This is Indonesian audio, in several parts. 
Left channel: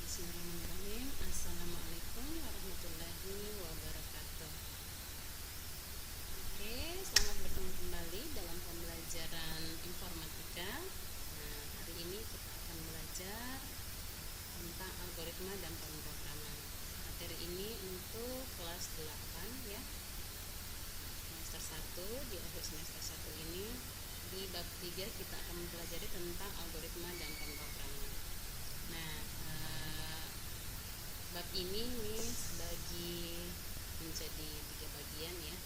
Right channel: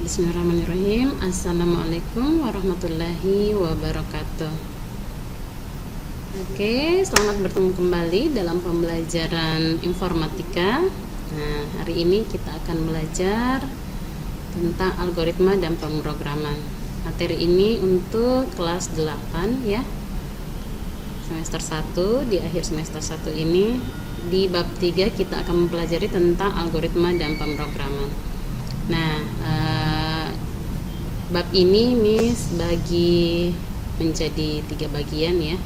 Bismillahirrahmanirrahim. Assalamualaikum warahmatullahi wabarakatuh. Oke, selamat bertemu kembali dalam pembelajaran informatika. Nah, hari ini kita akan belajar tentang algoritma dan pemrograman. Materi ini untuk kelas 8 ya. Semester 1, di akhir semester 1 ini di bab 3 kita akan mempelajari tentang algoritma dan pemrograman. Nah, bab ini Miss bagi menjadi 3 bagian ya.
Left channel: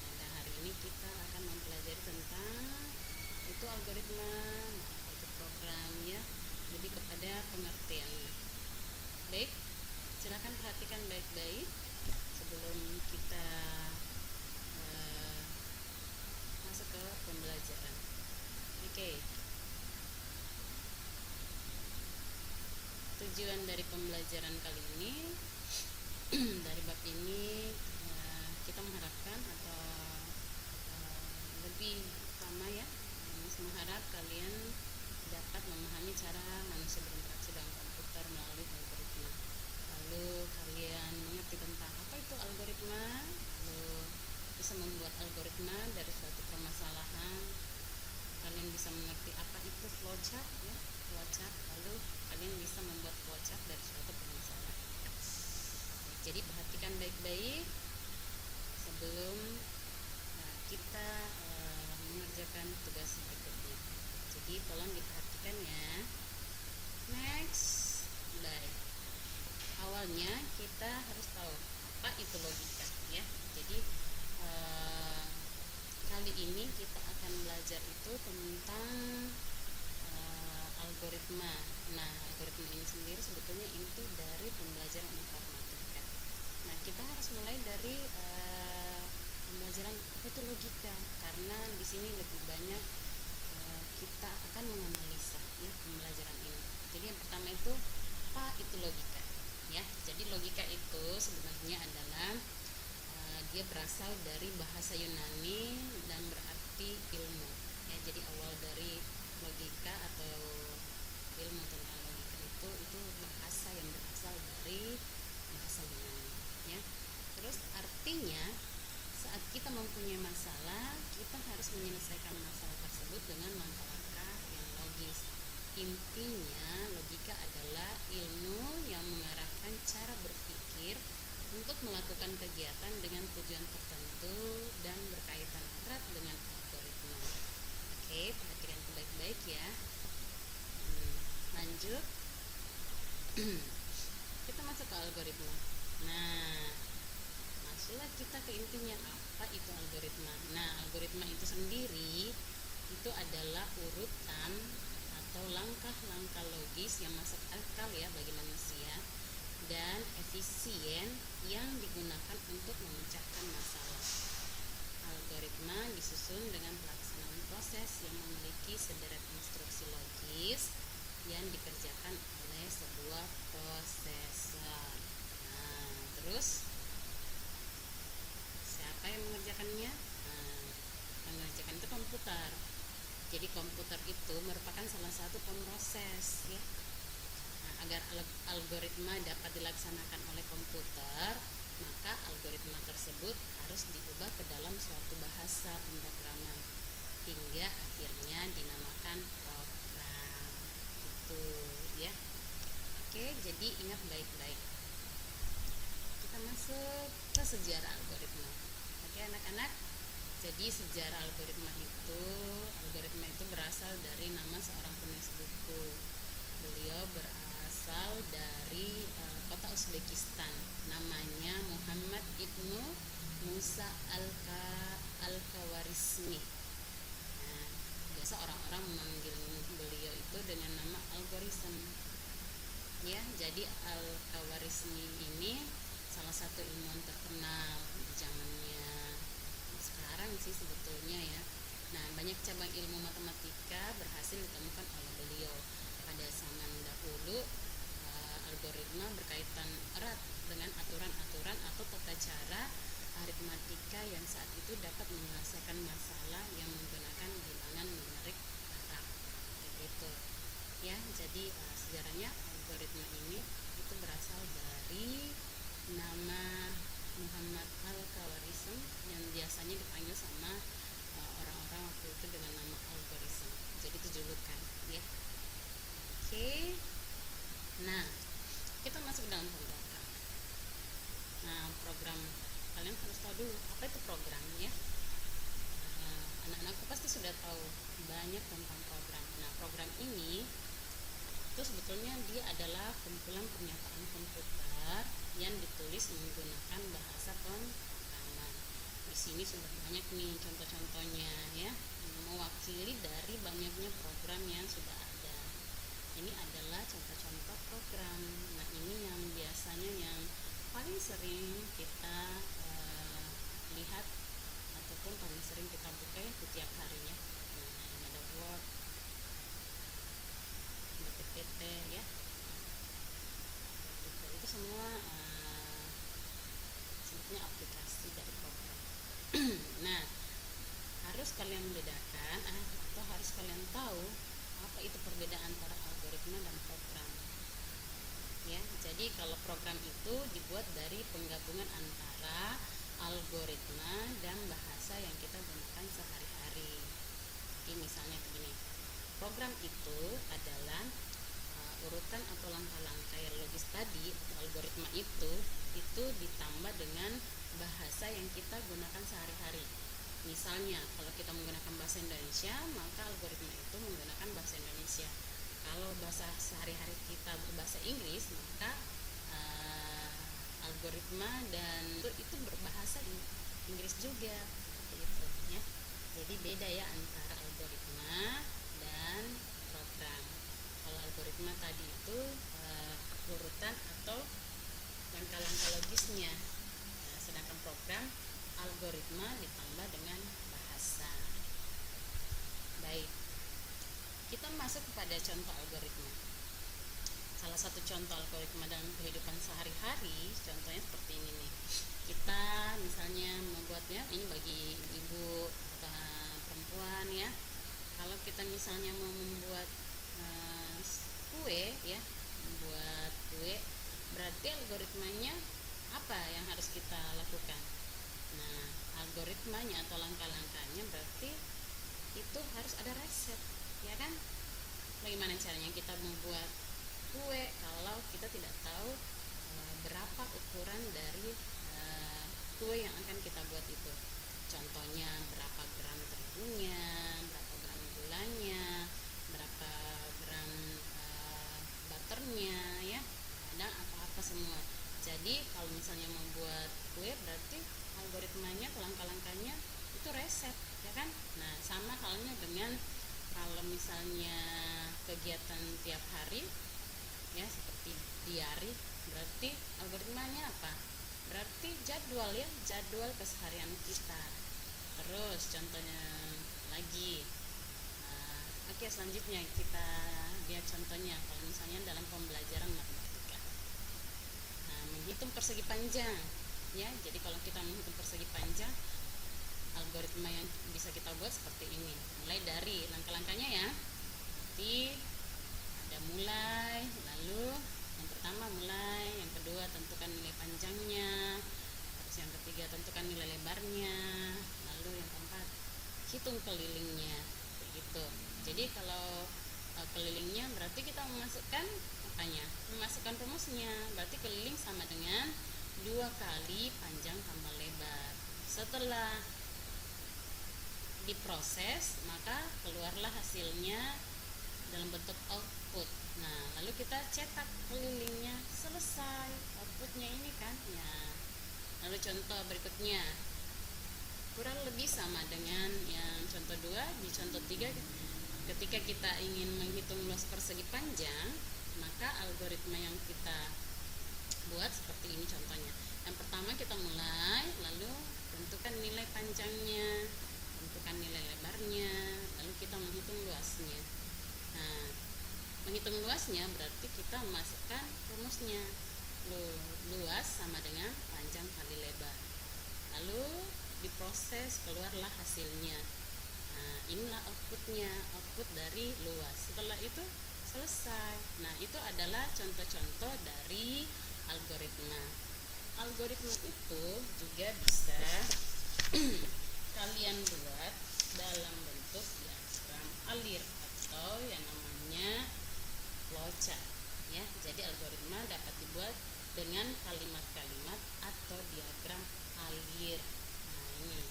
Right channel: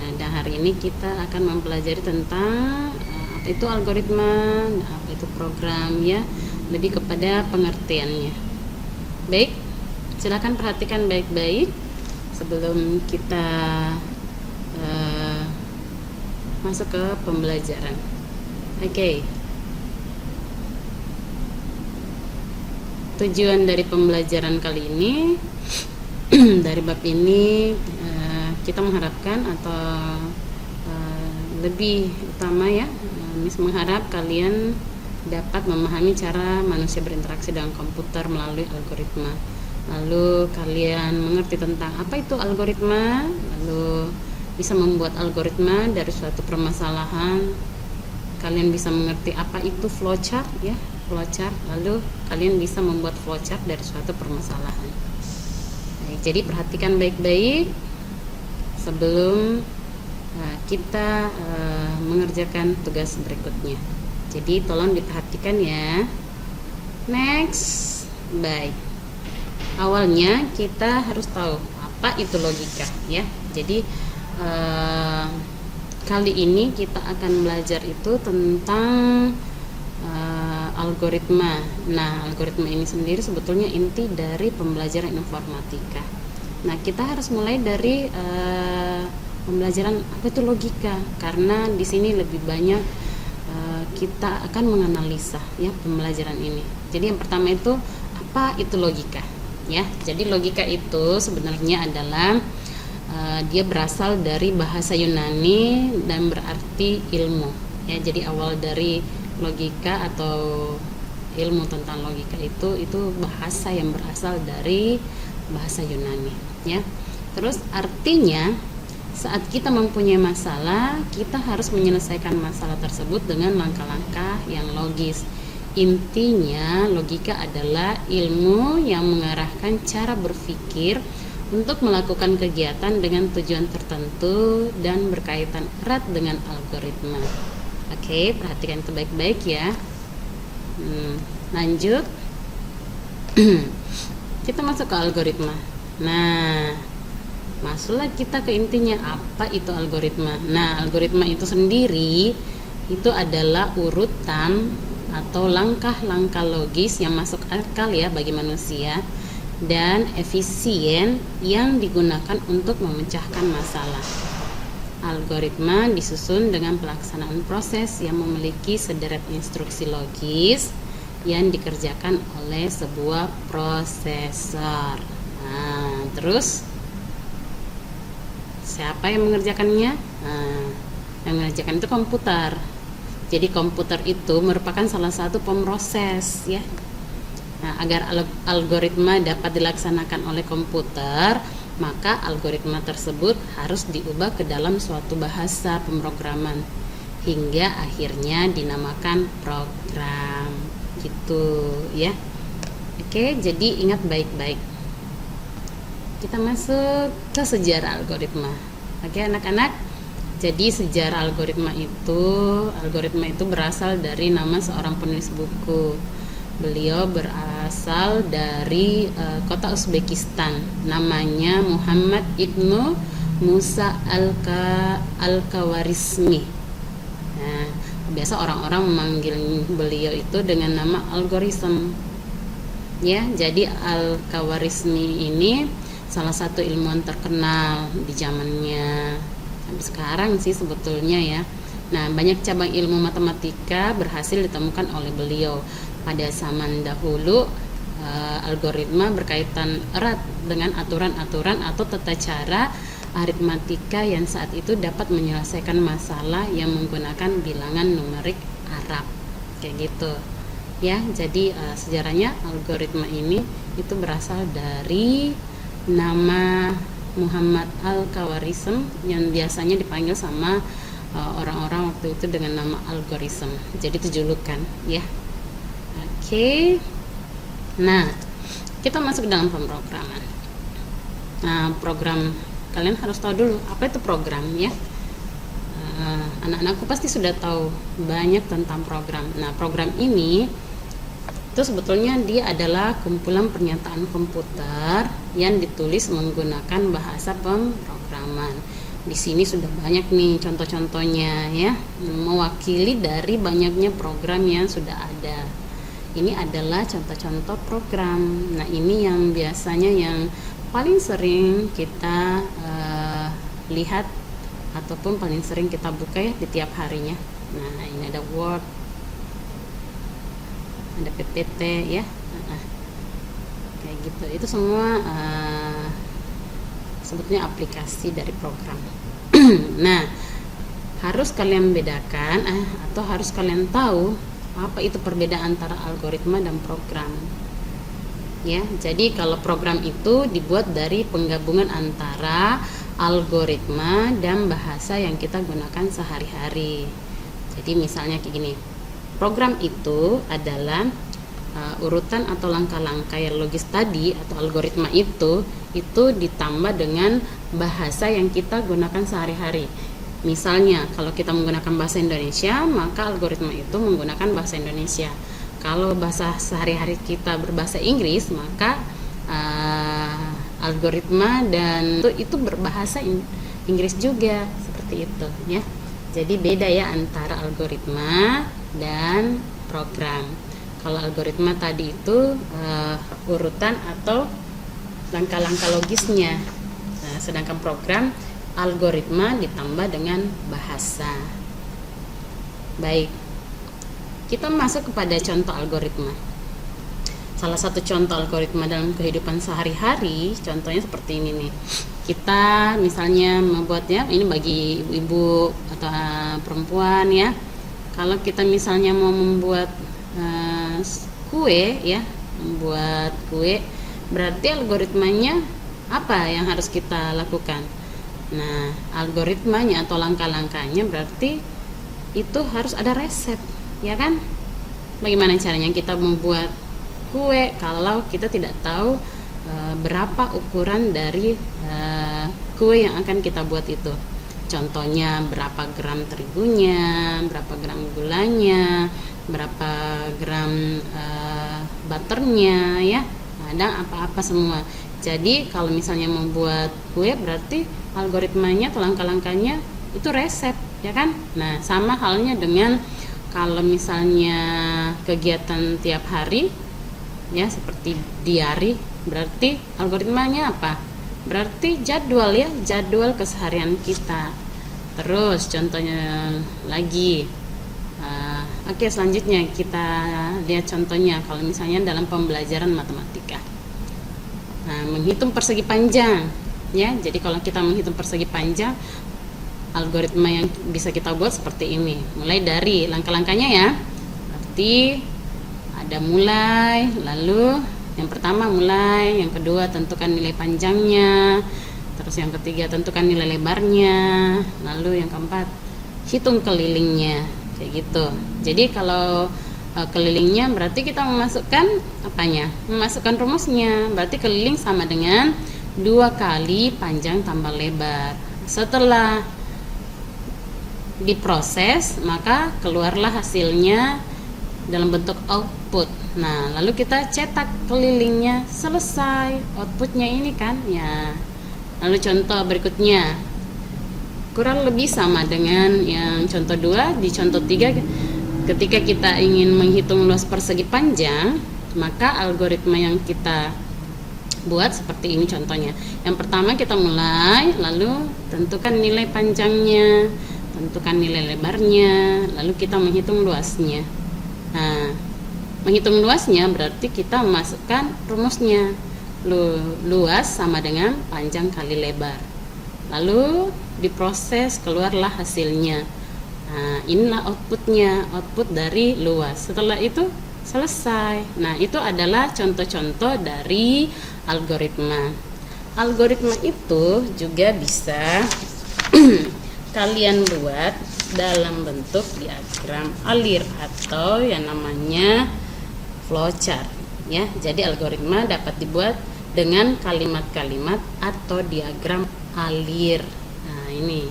Nah, dan hari ini kita akan mempelajari tentang apa itu algoritma, apa itu program ya, lebih kepada pengertiannya. Baik, silakan perhatikan baik-baik sebelum kita masuk ke pembelajaran. Oke. Tujuan dari pembelajaran kali ini dari bab ini kita mengharapkan atau lebih utama ya, Miss mengharap kalian dapat memahami cara manusia berinteraksi dengan komputer melalui algoritma. Lalu kalian mengerti tentang apa itu algoritma, lalu bisa membuat algoritma dari suatu permasalahan. Kalian bisa mengerti apa itu flowchart ya, flowchart, lalu kalian bisa membuat flowchart dari suatu permasalahan. Baik, jadi perhatikan baik-baik sebelum kita mengerjakan tugas berikutnya. Jadi tolong diperhatikan ya. Next, baik. Awalnya kita harus tahu apa itu logika ya. Jadi kali ini kita akan belajar itu tentang algoritma. Nah, algoritma ini sendiri sebetulnya inti dari pembelajaran informatika. Nah, kita harus mulai dari pembelajaran apa itu logika, karena di sini lebih banyak kita akan menganalisa ya pembelajaran ini. Jadi yang pertama itu apa itu logika ya. Jadi logika itu sebenarnya adalah dia berasal dari bahasa Yunani dan berarti ilmu ya. Jadi awal dari logika atau ilmu tentang logika itu bahasa yang berasal dari bahasa Yunani ya. Terus artinya saat kita mempunyai masalah, kita harus menyelesaikan masalah tersebut dengan langkah-langkah yang logis. Intinya logika adalah ilmu yang mengarahkan cara berpikir untuk melakukan kegiatan dengan tujuan tertentu dan berkaitan erat dengan algoritma. Oke, perhatikan itu baik-baik ya. Lanjut. Kita masuk ke algoritma. Nah, masuklah kita ke intinya, apa itu algoritma. Nah, algoritma itu sendiri itu adalah urutan atau langkah-langkah logis yang masuk akal ya bagi manusia dan efisien yang digunakan untuk memecahkan masalah. Algoritma disusun dengan pelaksanaan proses yang memiliki sederet instruksi logis yang dikerjakan oleh sebuah prosesor. Nah, terus siapa yang mengerjakannya? Nah, yang mengerjakan itu komputer. Jadi komputer itu merupakan salah satu pemroses ya. Nah, agar algoritma dapat dilaksanakan oleh komputer, maka algoritma tersebut harus diubah ke dalam suatu bahasa pemrograman hingga akhirnya dinamakan program gitu ya. Oke, jadi ingat baik-baik. Kita masuk ke sejarah algoritma. Oke anak-anak, jadi sejarah algoritma itu berasal dari nama seorang penulis buku. Beliau berasal dari kota Uzbekistan, namanya Muhammad Ibnu Musa Al-Khawarizmi. Nah, biasa orang-orang memanggil beliau itu dengan nama algoritma. Ya, jadi Al-Khawarizmi ini salah satu ilmuwan terkenal di zamannya. Sekarang sih sebetulnya ya. Nah, banyak cabang ilmu matematika berhasil ditemukan oleh beliau. Pada zaman dahulu, algoritma berkaitan erat dengan aturan-aturan atau tata cara aritmatika yang saat itu dapat menyelesaikan masalah yang menggunakan bilangan numerik Arab. Kayak gitu. ya. Jadi sejarahnya algoritma ini itu berasal dari nama Muhammad Al-Khawarizm yang biasanya dipanggil sama orang-orang waktu itu dengan nama algoritma. Jadi itu julukan ya. Oke. Nah, kita masuk ke dalam pemrograman. Nah, program, kalian harus tahu dulu apa itu program ya. Anak-anakku pasti sudah tahu banyak tentang program. Nah, program ini itu sebetulnya dia adalah kumpulan pernyataan komputer yang ditulis menggunakan bahasa pemrograman. Di sini sudah banyak nih contoh-contohnya ya, mewakili dari banyaknya program yang sudah ada. Ini adalah contoh-contoh program. Nah, ini yang biasanya yang paling sering kita lihat ataupun paling sering kita buka ya di tiap harinya. Nah, ini ada Word, ada PPT ya, kayak gitu. Itu semua sebetulnya aplikasi dari program. Nah, harus kalian bedakan atau harus kalian tahu apa itu perbedaan antara algoritma dan program ya. Jadi kalau program itu dibuat dari penggabungan antara algoritma dan bahasa yang kita gunakan sehari-hari. Jadi misalnya kayak gini, program itu adalah urutan atau langkah-langkah yang logis tadi atau algoritma itu ditambah dengan bahasa yang kita gunakan sehari-hari. Misalnya kalau kita menggunakan bahasa Indonesia, maka algoritma itu menggunakan bahasa Indonesia. Kalau bahasa sehari-hari kita berbahasa Inggris, maka algoritma dan itu berbahasa Inggris juga, seperti itu ya. Jadi beda ya antara algoritma dan program. Kalau algoritma tadi itu urutan atau langkah-langkah logisnya, sedangkan program algoritma ditambah dengan bahasa. Baik, kita masuk kepada contoh algoritma. Salah satu contoh algoritma dalam kehidupan sehari-hari, contohnya seperti ini nih. Kita misalnya membuatnya, ini bagi ibu-ibu atau perempuan ya. Kalau kita misalnya mau membuat kue ya, membuat kue, berarti algoritmanya apa yang harus kita lakukan? Nah, algoritmanya atau langkah-langkahnya berarti itu harus ada resep, ya kan? Bagaimana caranya kita membuat kue kalau kita tidak tahu berapa ukuran dari kue yang akan kita buat itu? Contohnya berapa gram terigunya, berapa gram gulanya, berapa gram butternya ya, ada apa-apa semua. Jadi kalau misalnya membuat kue berarti algoritmanya atau langkah-langkahnya itu resep, ya kan? Nah, sama halnya dengan kalau misalnya kegiatan tiap hari ya, seperti diary, berarti algoritmanya apa? Berarti jadwal ya, jadwal keseharian kita. Terus contohnya lagi, oke, selanjutnya kita lihat contohnya kalau misalnya dalam pembelajaran matematika. Nah, menghitung persegi panjang ya. Jadi kalau kita menghitung persegi panjang, algoritma yang bisa kita buat seperti ini. Mulai dari langkah-langkahnya ya. Berarti ada mulai, lalu yang pertama mulai, yang kedua tentukan nilai panjangnya, terus yang ketiga tentukan nilai lebarnya, lalu yang keempat hitung kelilingnya, kayak gitu. Jadi kalau kelilingnya berarti kita memasukkan apanya? Memasukkan rumusnya. Berarti keliling sama dengan 2 kali panjang tambah lebar. Setelah diproses, maka keluarlah hasilnya dalam bentuk output. Nah, lalu kita cetak kelilingnya, selesai outputnya ini kan ya. Lalu contoh berikutnya kurang lebih sama dengan yang contoh 2. Di contoh 3, ketika kita ingin menghitung luas persegi panjang, maka algoritma yang kita buat seperti ini contohnya. Yang pertama kita mulai, lalu tentukan nilai panjangnya, tentukan nilai lebarnya, lalu kita menghitung luasnya. Nah, menghitung luasnya berarti kita memasukkan rumusnya. Luas sama dengan panjang kali lebar. Lalu diproses, keluarlah hasilnya. Nah, inilah outputnya, output dari luas. Setelah itu selesai. Nah, itu adalah contoh-contoh dari algoritma. Algoritma itu juga bisa kalian buat dalam bentuk diagram alir atau yang namanya flowchart ya. Jadi algoritma dapat dibuat dengan kalimat-kalimat atau diagram alir. Nah, ini.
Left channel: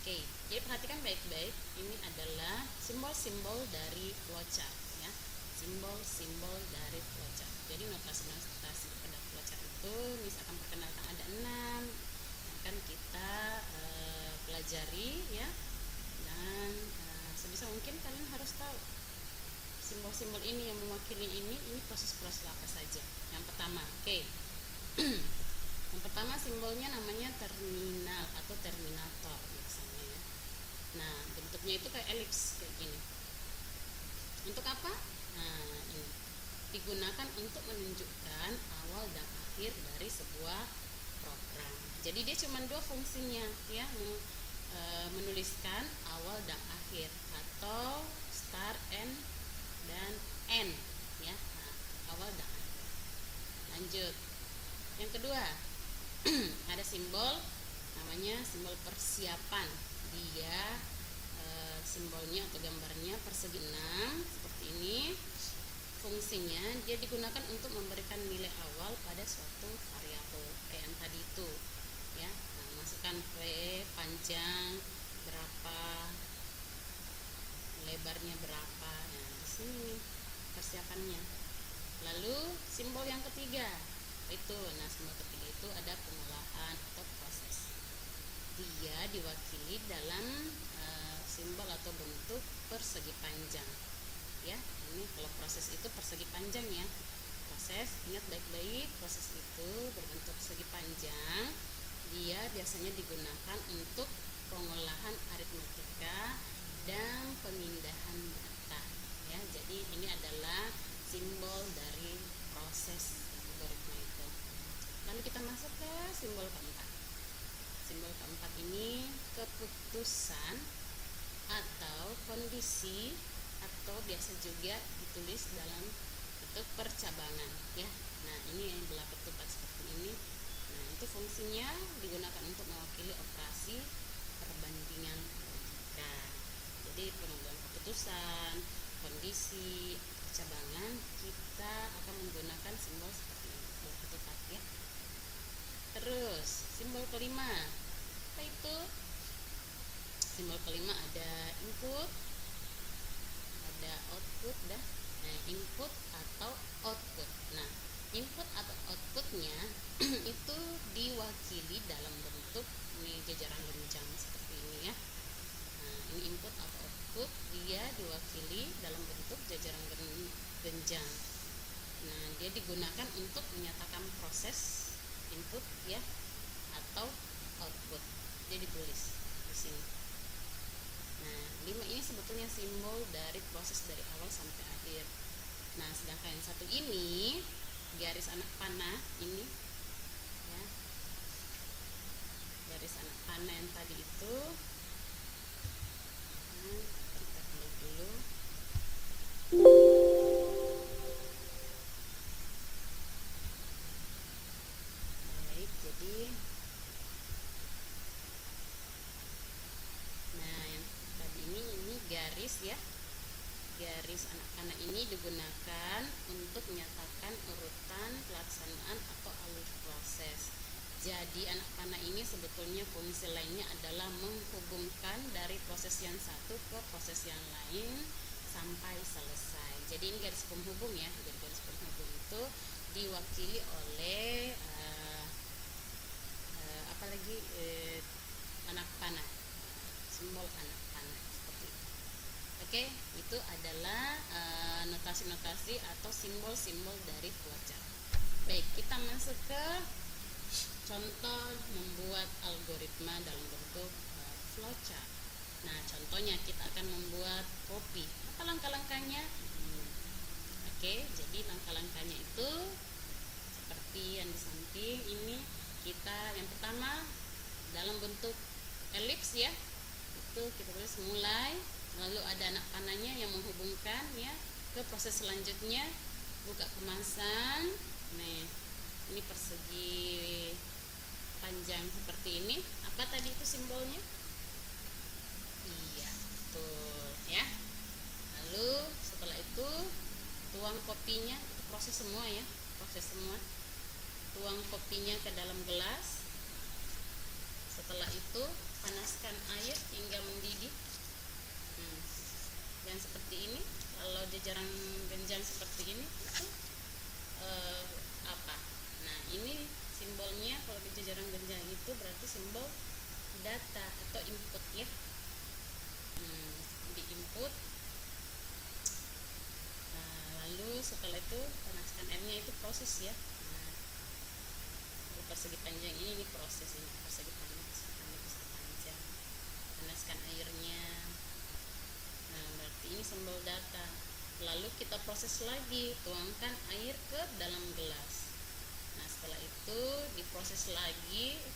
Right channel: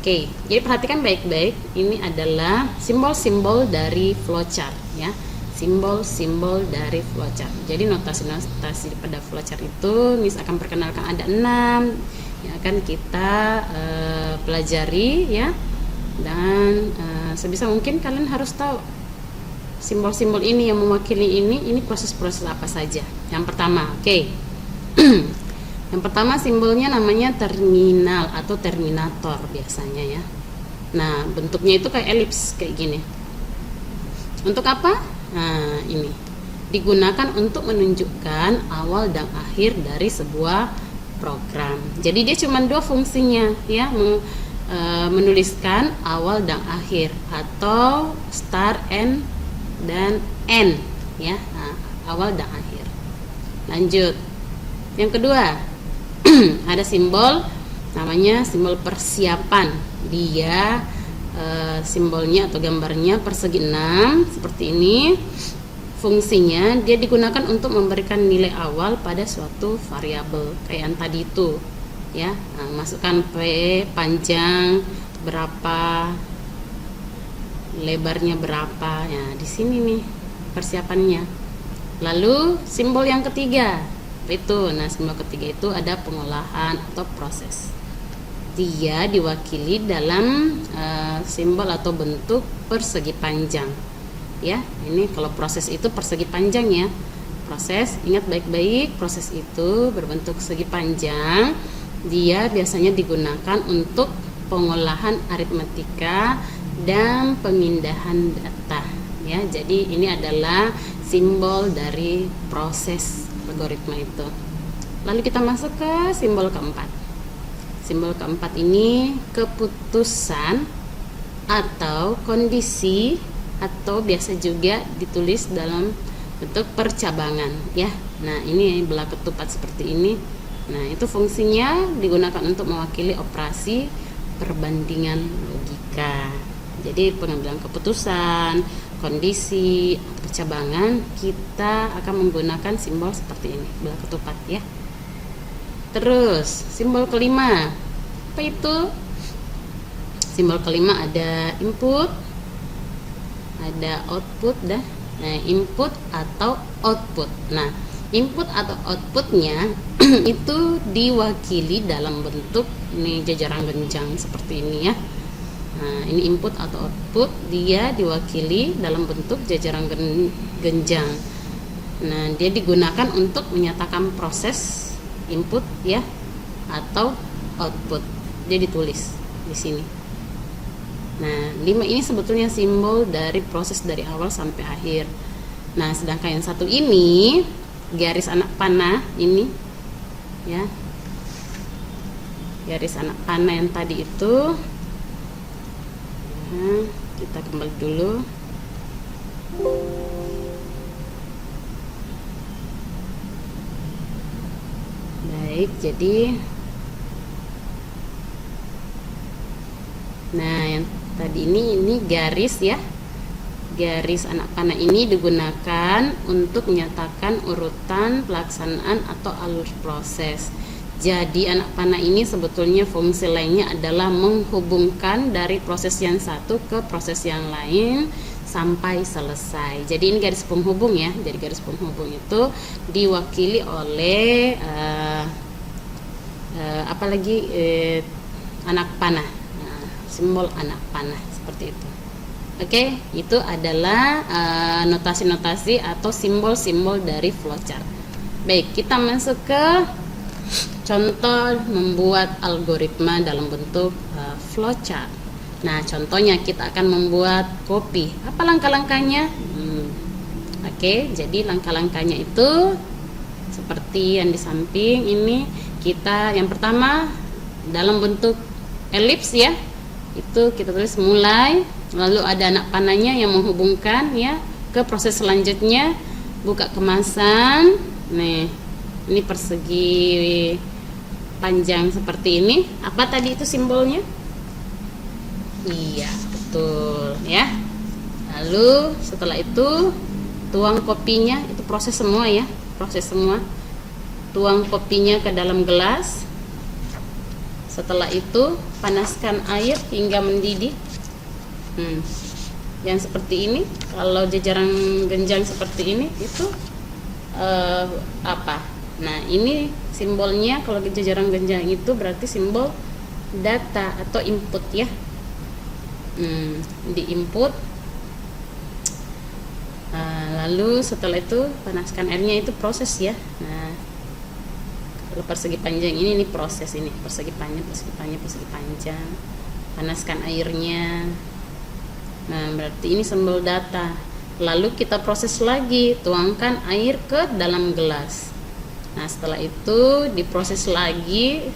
Oke, jadi perhatikan baik-baik. Ini adalah simbol-simbol dari flowchart ya. Simbol-simbol dari flowchart. Jadi notasi-notasi pada flowchart itu misalkan perkenalkan ada 6 yang akan kita pelajari ya. Dan sebisa mungkin kalian harus tahu simbol-simbol ini yang mewakili ini proses-proses apa saja. Yang pertama, oke. Yang pertama simbolnya namanya terminal atau terminator biasanya ya. Nah, bentuknya itu kayak elips kayak gini. Untuk apa? Nah, ini digunakan untuk menunjukkan awal dan akhir dari sebuah program. Jadi dia cuma dua fungsinya ya, menuliskan awal dan akhir atau start and dan end ya. Nah, awal dan akhir. Lanjut. Yang kedua, ada simbol namanya simbol persiapan. Dia simbolnya atau gambarnya persegi 6 seperti ini. Fungsinya dia digunakan untuk memberikan nilai awal pada suatu variabel kayak yang tadi itu ya. Nah, masukkan P, panjang berapa, lebarnya berapa ya, di sini nih persiapannya. Lalu simbol yang ketiga itu, nah simbol ketiga itu ada pengolahan atau proses. Dia diwakili dalam simbol atau bentuk persegi panjang ya. Ini kalau proses itu persegi panjang ya. Proses, ingat baik-baik, proses itu berbentuk segi panjang. Dia biasanya digunakan untuk pengolahan aritmatika dan pemindahan data ya. Jadi ini adalah simbol dari proses algoritma itu. Lalu kita masuk ke simbol keempat. Simbol keempat ini keputusan atau kondisi, atau biasa juga ditulis dalam bentuk percabangan ya. Nah, ini belah ketupat seperti ini. Nah, itu fungsinya digunakan untuk mewakili operasi perbandingan logika. Jadi pengambilan keputusan, kondisi, percabangan, kita akan menggunakan simbol seperti ini, belah ketupat ya. Terus simbol kelima, apa itu? Simbol kelima ada input, ada output dah. Nah, input atau output. Nah, input atau outputnya itu diwakili dalam bentuk ini jajaran genjang seperti ini ya. Nah, ini input atau output, dia diwakili dalam bentuk jajaran genjang. Nah, dia digunakan untuk menyatakan proses input ya atau output. Dia ditulis di sini. Nah, 5 ini sebetulnya simbol dari proses dari awal sampai akhir. Nah, sedangkan yang satu ini garis anak panah ini ya. Garis anak panah yang tadi itu. Nah, kita kembali dulu. Baik, jadi nah yang tadi ini garis ya. Garis anak panah ini digunakan untuk menyatakan urutan pelaksanaan atau alur proses. Jadi anak panah ini sebetulnya fungsi lainnya adalah menghubungkan dari proses yang satu ke proses yang lain sampai selesai. Jadi ini garis penghubung ya. Jadi garis penghubung itu diwakili oleh anak panah. Nah, simbol anak panah seperti itu. Oke, itu adalah notasi-notasi atau simbol-simbol dari flowchart. Baik, kita masuk ke contoh membuat algoritma dalam bentuk flowchart. Nah, contohnya kita akan membuat kopi. Apa langkah-langkahnya? Oke, jadi langkah-langkahnya itu seperti yang di samping ini. Kita yang pertama dalam bentuk elips ya. Itu kita tulis mulai, lalu ada anak panahnya yang menghubungkan ya ke proses selanjutnya, buka kemasan. Nih, ini persegi panjang seperti ini. Apa tadi itu simbolnya? Iya, betul ya. Lalu setelah itu tuang kopinya, itu proses semua ya, proses semua. Tuang kopinya ke dalam gelas. Setelah itu panaskan air hingga mendidih. Yang seperti ini, kalau jajaran genjang seperti ini itu apa? Nah, ini simbolnya kalau jajaran genjang itu berarti simbol data atau input ya. Di input. Lalu setelah itu panaskan airnya, itu proses ya. Nah, kalau persegi panjang ini proses, ini persegi panjang, persegi panjang, persegi panjang. Panaskan airnya. Nah, berarti ini simbol data. Lalu kita proses lagi, tuangkan air ke dalam gelas. Nah, setelah itu diproses lagi,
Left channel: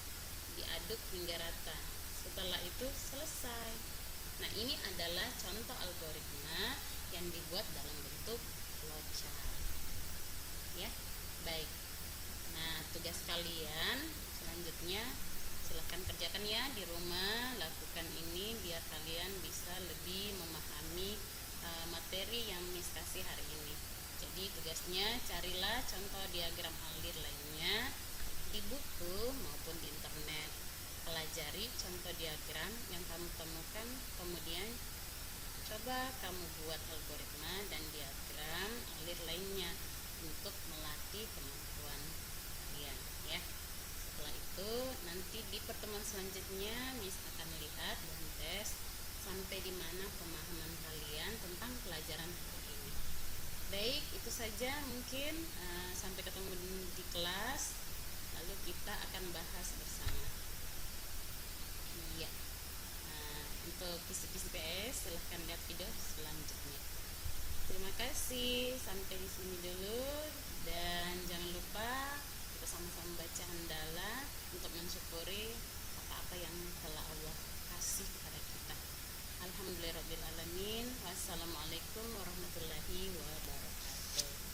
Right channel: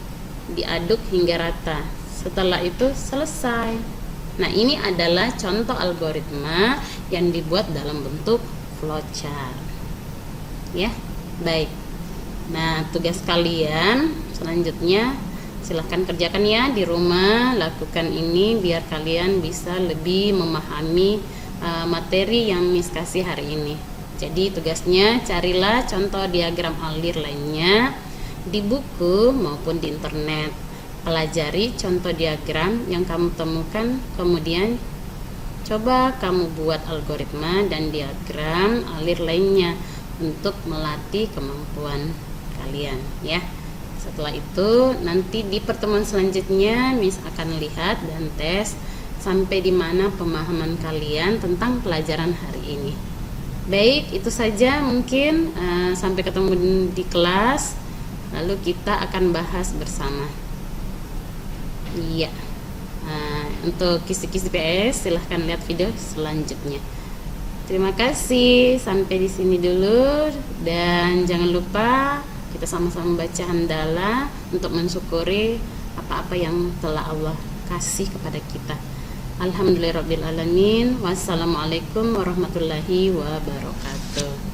diaduk hingga rata. Setelah itu selesai. Nah, ini adalah contoh algoritma yang dibuat dalam bentuk flowchart. Ya, baik. Nah, tugas kalian selanjutnya silahkan kerjakan ya di rumah, lakukan ini biar kalian bisa lebih memahami materi yang Miss kasih hari ini. Jadi tugasnya carilah contoh diagram alir lainnya di buku maupun di internet. Pelajari contoh diagram yang kamu temukan, kemudian coba kamu buat algoritma dan diagram alir lainnya untuk melatih kemampuan kalian ya. Setelah itu nanti di pertemuan selanjutnya Miss akan lihat dan tes sampai di mana pemahaman kalian tentang pelajaran hari ini. Baik, itu saja mungkin. Sampai ketemu di kelas, lalu kita akan bahas bersama. Iya. Untuk kisi-kisi PS silahkan lihat video selanjutnya. Terima kasih, sampai di sini dulu, dan jangan lupa kita sama-sama baca hamdalah untuk mensyukuri apa-apa yang telah Allah kasih kepada kita. Alhamdulillahirabbil alamin. Wassalamualaikum warahmatullahi wabarakatuh.